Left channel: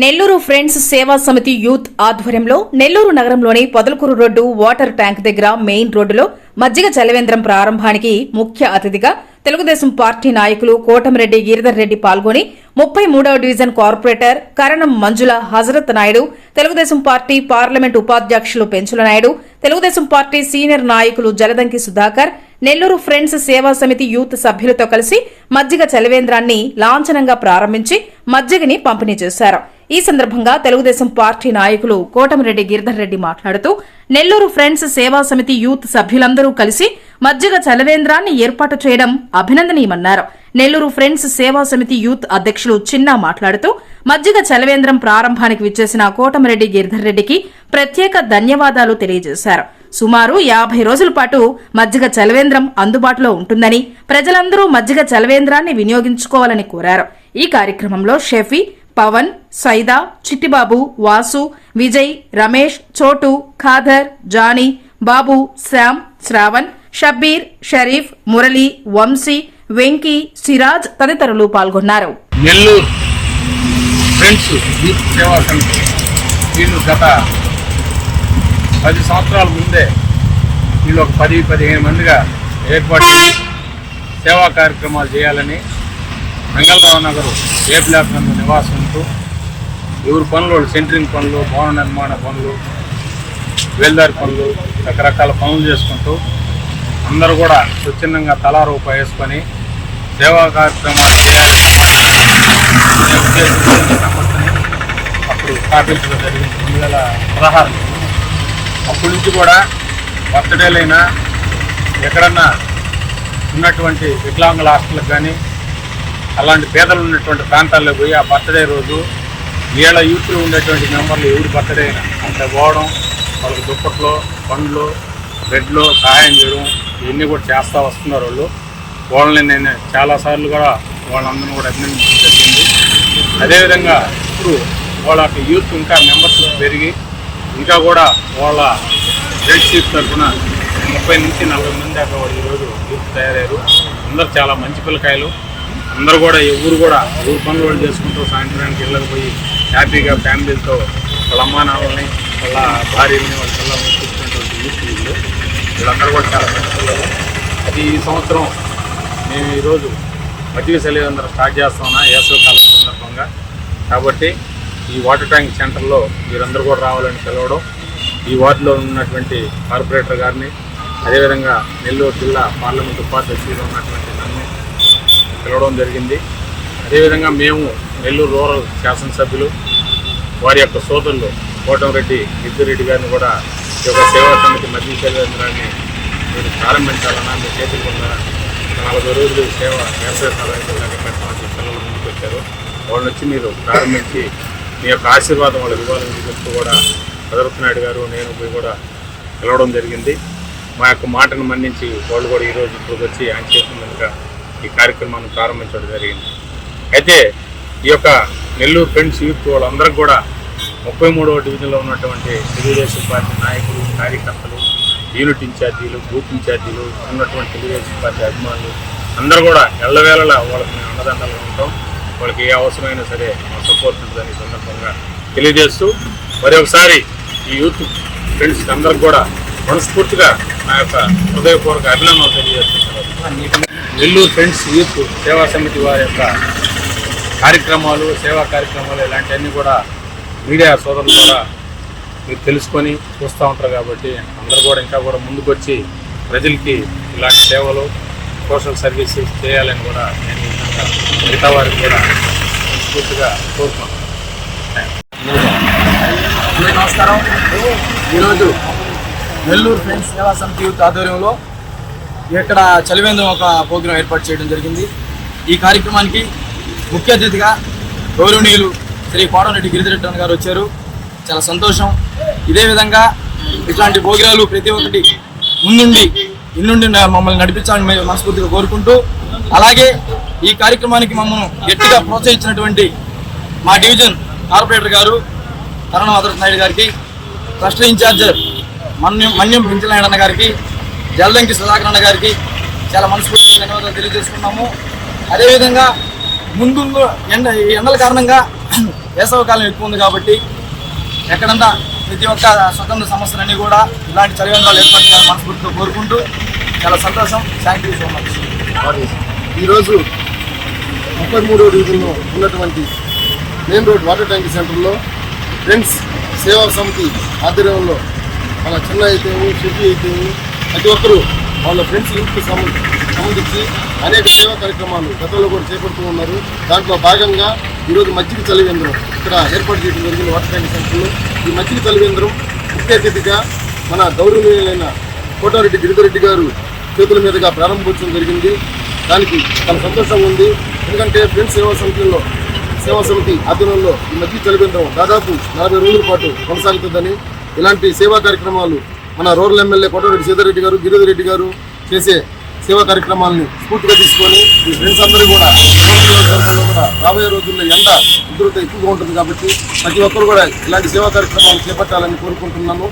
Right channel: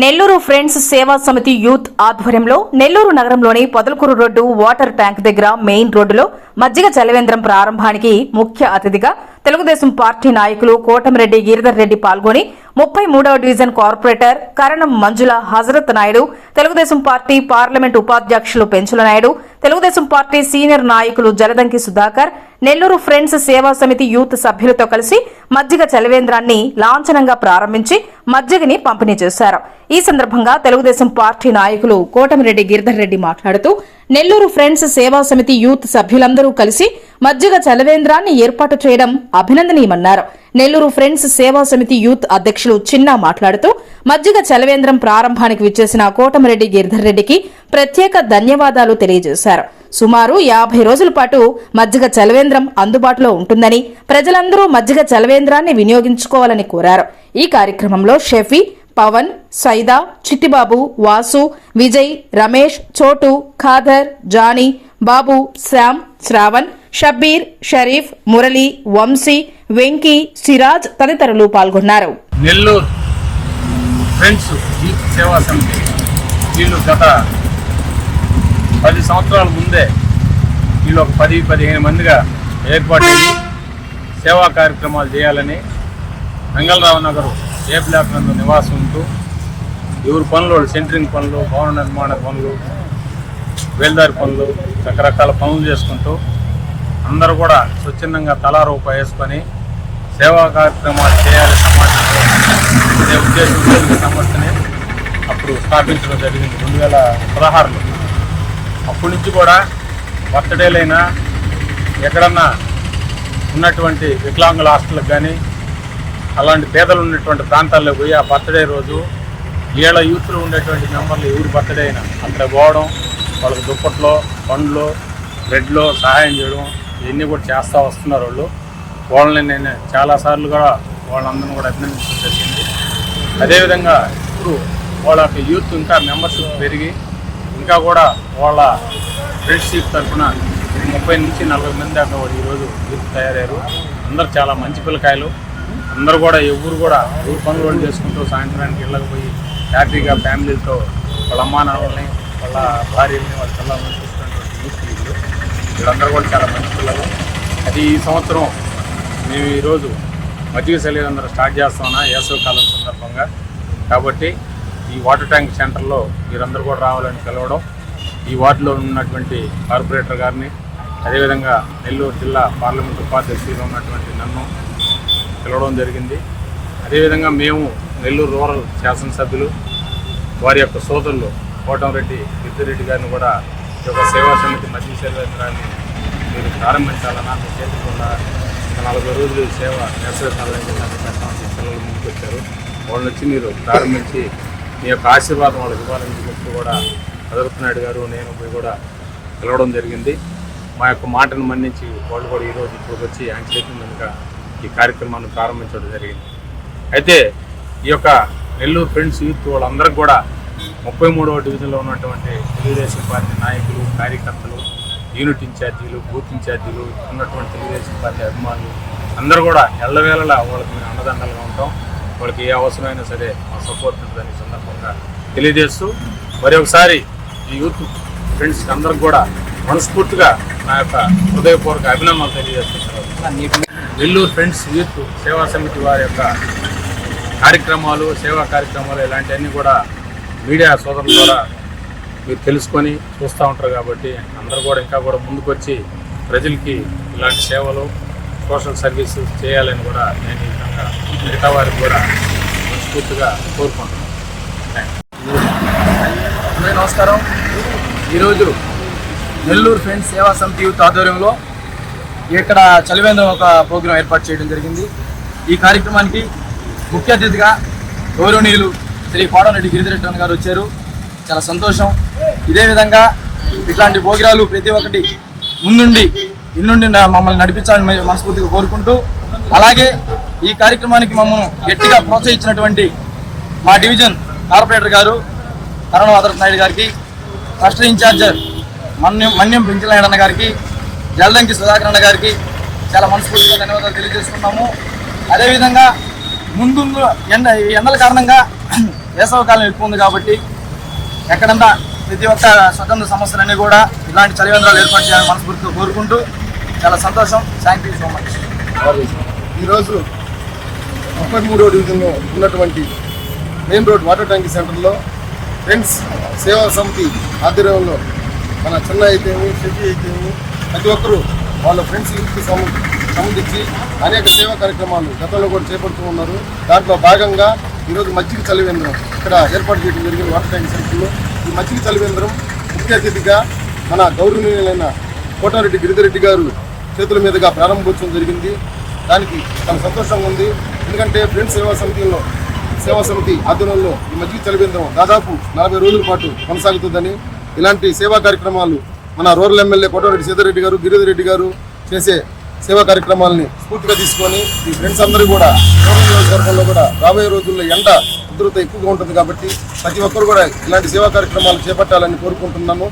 Nellore friends సేవా సమితి youth ఆధ్వర్యంలో నెల్లూరు నగరంలోని పొదలకూరు రోడ్డు వాటర్ ట్యాంక్ దగ్గర మెయిన్ రోడ్డులో మజ్జిగ చలివేంద్రం ప్రారంభానికి ముఖ్య అతిథిగా తెలుగుదేశం పార్టీ నాయకులు కోటమిరెడ్డి గిరిధర్ రెడ్డి పాల్గొని 33వ డివిజన్ కార్పొరేటర్ కరణం మంజుల హజరత్ నాయుడు, తెలుగుదేశం పార్టీ పార్లమెంట్ ఉపాధ్యక్షులు పెంచుల నాయుడు, తెలుగుదేశం పార్టీ సీనియర్ నాయకులు జలదంకి సుధాకర్, నెల్లూరు ఫ్రెండ్స్ సేవా సమితి యూత్ సభ్యులతో కలిసి మజ్జిగ చలివేంద్రాన్ని లాంఛనంగా ప్రారంభించి మజ్జిగని పంపిణీ చేశారు. ఈ సందర్భంగా తెలుగుదేశం పార్టీ నాయకులు కోటమిరెడ్డి గిరిధర్ రెడ్డి మాట్లాడుతూ నెల్లూరు ఫ్రెండ్స్ సేవా సమితి యూత్ సభ్యులందరూ కలిసి మజ్జిగ చలివేంద్రాన్ని ఏర్పాటు చేయడం అభినందనీయమన్నారు. నెల్లూరు ఫ్రెండ్స్ సేవా సమితి యూత్ అధ్యక్షులు చిన్న మాట్లాడుతూ మజ్జిగ చలివేంద్రం ప్రారంభానికి విచ్చేసిన కోటమిరెడ్డి గిరిధర్ రెడ్డికి ప్రత్యేక ధన్యవాదాలు తెలియజేశారు. సుమారు 50 రోజుల పాటు మజ్జిగ చలివేంద్రం అందుబాటులో ఉంటుందని, ప్రజలందరూ మజ్జిగ చలివేంద్రాన్ని వినియోగించుకోవాలని కోరారు. ఈ కార్యక్రమంలో షెఫీ, పవన్, సైదా, చిట్టిబాబు, వాసు, విజయ్, రమేష్, చోటు, ఖాదర్, జానీ, బాబు, శ్యామ్, శ్రావణ్, షబ్బీర్, షరీఫ్, మురళి, వంశీ, వెంకీ, సిరాజ్ తదితరులు పాల్గొన్నారు. నెల్లూరు ఫ్రెండ్స్ యూత్ సేవా సమితి వీళ్ళు గత 10 సంవత్సరాల ముందే వీళ్ళు ఒక 10-15 మందిగా ఏర్పాటు సేవా కార్యక్రమాలు చేయాలని మంగళరావు నగర్ ఏ బ్లాక్ నందు నివాసం ఉంటూ ఎవరి పనులు, సెంటరింగ్ పనులు, భవన నిర్మాణ పనులు, వేల్దారి పనులు, రకరకాల పనులు చేసుకుంటూ అందరూ కూడా స్వచ్ఛందంగా తలా రూపాయి వేసుకొని సేవా కార్యక్రమాలు చేయాలి అనే ఉద్దేశంతో సంస్థని అప్పుడు స్థాపించడం జరిగింది 2016. అప్పటి నుంచి కూడా బర్త్డేలైనా ఎక్కడన్నా ఉన్నటువంటి వికలాంగుల హాస్టల్కి కానీ అలాంటి పేదలు ఉన్నటువంటి ప్రాంతాల్లో పోయి ఆ బర్త్డే రోజు వీళ్ళ యూత్లో ఉండేటువంటి మెంబర్లు ఎవరి బర్త్డే అయినా అక్కడ పోవడం, వాళ్ళకి దుప్పట్లో, పండ్లు, బ్రెడ్లో సహాయం చేయడం ఇవన్నీ కూడా చేస్తూ వస్తున్నారు. వాళ్ళని నేను చాలాసార్లు కూడా వాళ్ళందరినీ కూడా అభినందించడం జరిగింది. అదేవిధంగా ఇప్పుడు వాళ్ళ యూత్ ఇంకా మెంబర్షిప్ పెరిగి ఇంకా కూడా వాళ్ళ ఫ్రెండ్షిప్ తరఫున 30 నుంచి 40 మంది దాకా కూడా ఈరోజు యూత్ తయారయ్యారు. అందరు చాలా మంచి పిల్లకాయలు. అందరూ కూడా ఎవరు పనులు వాళ్ళు చేసుకుంటూ సాయంత్రానికి వెళ్ళకపోయి హ్యాపీగా ఫ్యామిలీతో వాళ్ళ అమ్మా నాన్నల్ని, వాళ్ళ భార్యల్ని, వాళ్ళ పిల్లల్ని చూసుకున్నటువంటి యూత్ వీళ్ళందరూ కూడా చాలా మంచి పిల్లలు. అది ఈ సంవత్సరం మేము ఈరోజు మజ్జిగ చలివేంద్రం స్టార్ట్ చేస్తామన్నా వేసవి కాలం సందర్భంగా. కాబట్టి ఈ వాటర్ ట్యాంక్ సెంటర్లో మీరందరూ కూడా రావాలని పిలవడం, ఈ వార్డులో ఉన్నటువంటి కార్పొరేటర్ గారిని, అదేవిధంగా నెల్లూరు జిల్లా పార్లమెంట్ ఉపాధ్యక్షుడిగా ఉన్నటువంటి నన్ను పిలవడం జరిగింది. అదేవిధంగా మేము నెల్లూరు రూరల్ శాసనసభ్యులు వారి యొక్క సోదరులు కోటమిరెడ్డి గిరిధర్ రెడ్డి గారిని కూడా ఈ యొక్క సేవా సమితి మజ్జిగ చలివేంద్రాన్ని మీరు ప్రారంభించాలన్నా మీ చేతులు ఉన్న 40 రోజులు సేవ వేసవి కాలంలాగా పెట్టడానికి పిల్లలు ముందుకు వచ్చారు. వాళ్ళని వచ్చి మీరు ప్రారంభించి మీ యొక్క ఆశీర్వాదం వాళ్ళకి ఇవ్వాలని చెప్తూ కూడా హజరత్ నాయుడు గారు, నేను పోయి కూడా పిలవడం జరిగింది. మా యొక్క మాటను మన్నించి వాళ్ళు కూడా ఈరోజు ఇక్కడికి వచ్చి ఆయన చేతుల మీదుగా ఈ కార్యక్రమాన్ని ప్రారంభించడం జరిగింది. అయితే ఈ యొక్క నెల్లూరు ఫ్రెండ్స్ యూత్ వాళ్ళందరికీ కూడా 33వ డివిజన్లో ఉన్నటువంటి తెలుగుదేశం పార్టీ నాయకులు, కార్యకర్తలు, యూనిట్ ఇన్ఛార్జీలు, బూత్ ఇన్ఛార్జీలు, ఉన్నటువంటి తెలుగుదేశం పార్టీ అభిమానులు అందరూ కూడా ఎల్లవేళలా వాళ్ళకి మేము అండదండలుగా ఉంటాం. వాళ్ళకి ఏ అవసరమైనా సరే మా సపోర్ట్ ఉంటుందని సందర్భంగా తెలియజేస్తూ మరి ఒకసారి ఈ యూత్ ఫ్రెండ్స్ అందరికి కూడా మనస్ఫూర్తిగా నా యొక్క హృదయపూర్వక అభినందనలు తెలియజేస్తున్నాను. నెల్లూరు ఫ్రెండ్స్ యూత్ సేవా సమితి వారి యొక్క కార్యక్రమాలు, సేవా కార్యక్రమాలు ఇలాంటివన్నీ కూడా మీడియా సోదరుల ద్వారా మీరు తెలుసుకొని చూస్తూ ఉంటారు. కాబట్టి అందరూ కూడా ఇంకా కూడా ముందుకొచ్చి ప్రజలకి ఇలాంటి సేవలు, సోషల్ సర్వీసెస్ చేయాలని కూడా నేను ఈ విధంగా మిగతా వారికి కూడా మనస్ఫూర్తిగా కోరుకుంటున్నాను. Thank you. అందరికీ నమస్కారం. ఈరోజు నెల్లూరు ఫ్రెండ్స్ సేవా సమితి యూత్ ఆధ్వర్యంలో ఇక్కడ చలివేంద్రం ఒక ప్రోగ్రాం ఏర్పాటు చేయడం జరిగింది. ఈ కార్యక్రమానికి ముఖ్య అతిథిగా గౌరవనీయులు శ్రీ కోటమిరెడ్డి గిరిధర్ రెడ్డి గారు వచ్చారు. చాలా సంతోషం. ఇదే విధంగా ఇట్లాంటి ప్రోగ్రాలు ప్రతి ఒక్కటి ముందుండి ఇన్నుండి మమ్మల్ని నడిపించాలని మనస్ఫూర్తిగా కోరుకుంటూ, అలాగే ఈ కార్యక్రమానికి మమ్మల్ని గట్టిగా ప్రోత్సహించినటువంటి మా డివిజన్ కార్పొరేటర్ గారు కరణం హజరత్ నాయుడు గారికి, ట్రస్ట్ ఇన్ఛార్జర్ మన్యం పెంచుల నాయుడు అన్న గారికి, జలదంకి సుధాకర్ అన్న గారికి చాలా మనస్ఫూర్తిగా ధన్యవాదాలు తెలియజేసుకున్నాము. అదేవిధంగా ముందు ఎండల కారణంగా వేసవకాలం ఎక్కువ ఉంది కాబట్టి ఎక్కడంతా ప్రతి ఒక్క స్వతంత్ర సంస్థలన్నీ కూడా ఇలాంటి చలివేంద్రాలు ఏర్పాటు చేయాలని మనస్ఫూర్తిగా కోరుకుంటూ చాలా సంతోషం. Thank you so much. ఈరోజు 33వ డివిజన్లో ఉన్నటువంటి మెయిన్ రోడ్ వాటర్ ట్యాంక్ సెంటర్లో ఫ్రెండ్స్ సేవా సమితి ఆధ్వర్యంలో మన చిన్న అయితేమి షెడ్డి అయితేమి ప్రతి ఒక్కరూ వాళ్ళ ఫ్రెండ్స్ యూత్కు సంబంధించి అనేక సేవా కార్యక్రమాలు గతంలో కూడా చేపడుతూ ఉన్నారు. దాంట్లో భాగంగా ఈరోజు మజ్జిగ చలివేంద్రం ఇక్కడ ఏర్పాటు చేయడం జరిగింది వాటర్ ట్యాంక్ సెంటర్లో. ఈ మజ్జిగ చలివేంద్రం ముఖ్య అతిథిగా మన గౌరవనీయులైన కోటారెడ్డి గిరిధరెడ్డి గారు చేతుల మీదుగా ప్రారంభోత్సవం జరిగింది. దానికి చాలా సంతోషంగా ఉంది. ఎందుకంటే ఫ్రెండ్స్ సేవా సమితి ఆధ్వర్యంలో ఈ మజ్జిగ చలివేంద్రం దాదాపు 40 రోజుల పాటు కొనసాగుతుందని, ఇలాంటి సేవా కార్యక్రమాలు మన రూరల్ ఎమ్మెల్యే కోటారెడ్డి సీతారెడ్డి గారు, గిరిధరెడ్డి గారు చేసే సేవా కార్యక్రమాలని స్ఫూర్తిగా తీసుకొని ఈ ఫ్రెండ్స్ అందరూ కూడా రూరల్ నియోజకవర్గంలో కూడా రాబోయే రోజుల్లో ఎండ ఉధృత ఎక్కువగా ఉంటుంది కాబట్టి ప్రతి ఒక్కరు కూడా ఇలాంటి సేవా కార్యక్రమాలు చేపట్టాలని కోరుకుంటున్నాను.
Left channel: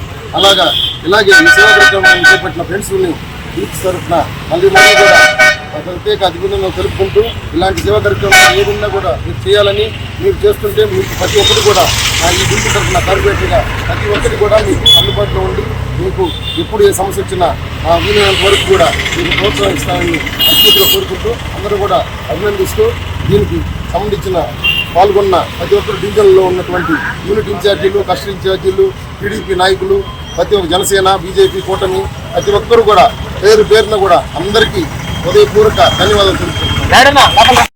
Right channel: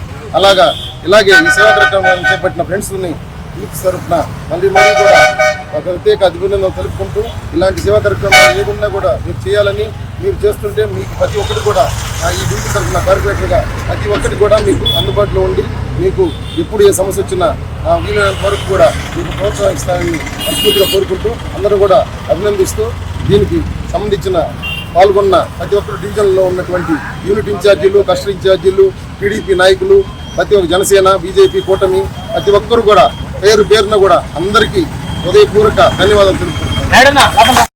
ఇలాగే ఈ సేవా కార్యక్రమాలను చేపట్టిన ఫ్రెండ్స్ని యూత్ తరఫున మళ్ళీ కూడా ప్రత్యేక అభినందనలు తెలుపుకుంటూ ఇలాంటి సేవా కార్యక్రమాలు ఏదన్నా కూడా మీరు చేయాలని, మీరు చేస్తుంటే మీకు ప్రతి ఒక్కరు కూడా ఈ డ్యూటీ తరఫున కార్పొరేటర్గా ప్రతి ఒక్కటి కూడా మీకు అందుబాటులో ఉండి మీకు ఎప్పుడు ఏ సమస్య వచ్చినా వీలైనంత వరకు కూడా మీకు ప్రోత్సహిస్తానని మనస్ఫూర్తిగా కోరుకుంటూ అందరూ కూడా అభినందిస్తూ దీనికి సంబంధించిన పాల్గొన్న ప్రతి ఒక్కరు డివిజన్లో ఉన్నటువంటి యూనిట్ ఇన్ఛార్జీలు, క్లస్టర్ ఇన్ఛార్జీలు, టీడీపీ నాయకులు, ప్రతి ఒక్క జనసేన, బీజేపీ కూటమి ప్రతి ఒక్కరు కూడా పేరున కూడా అందరికీ హృదయపూర్వక ధన్యవాదాలు తెలుపుతున్నాను.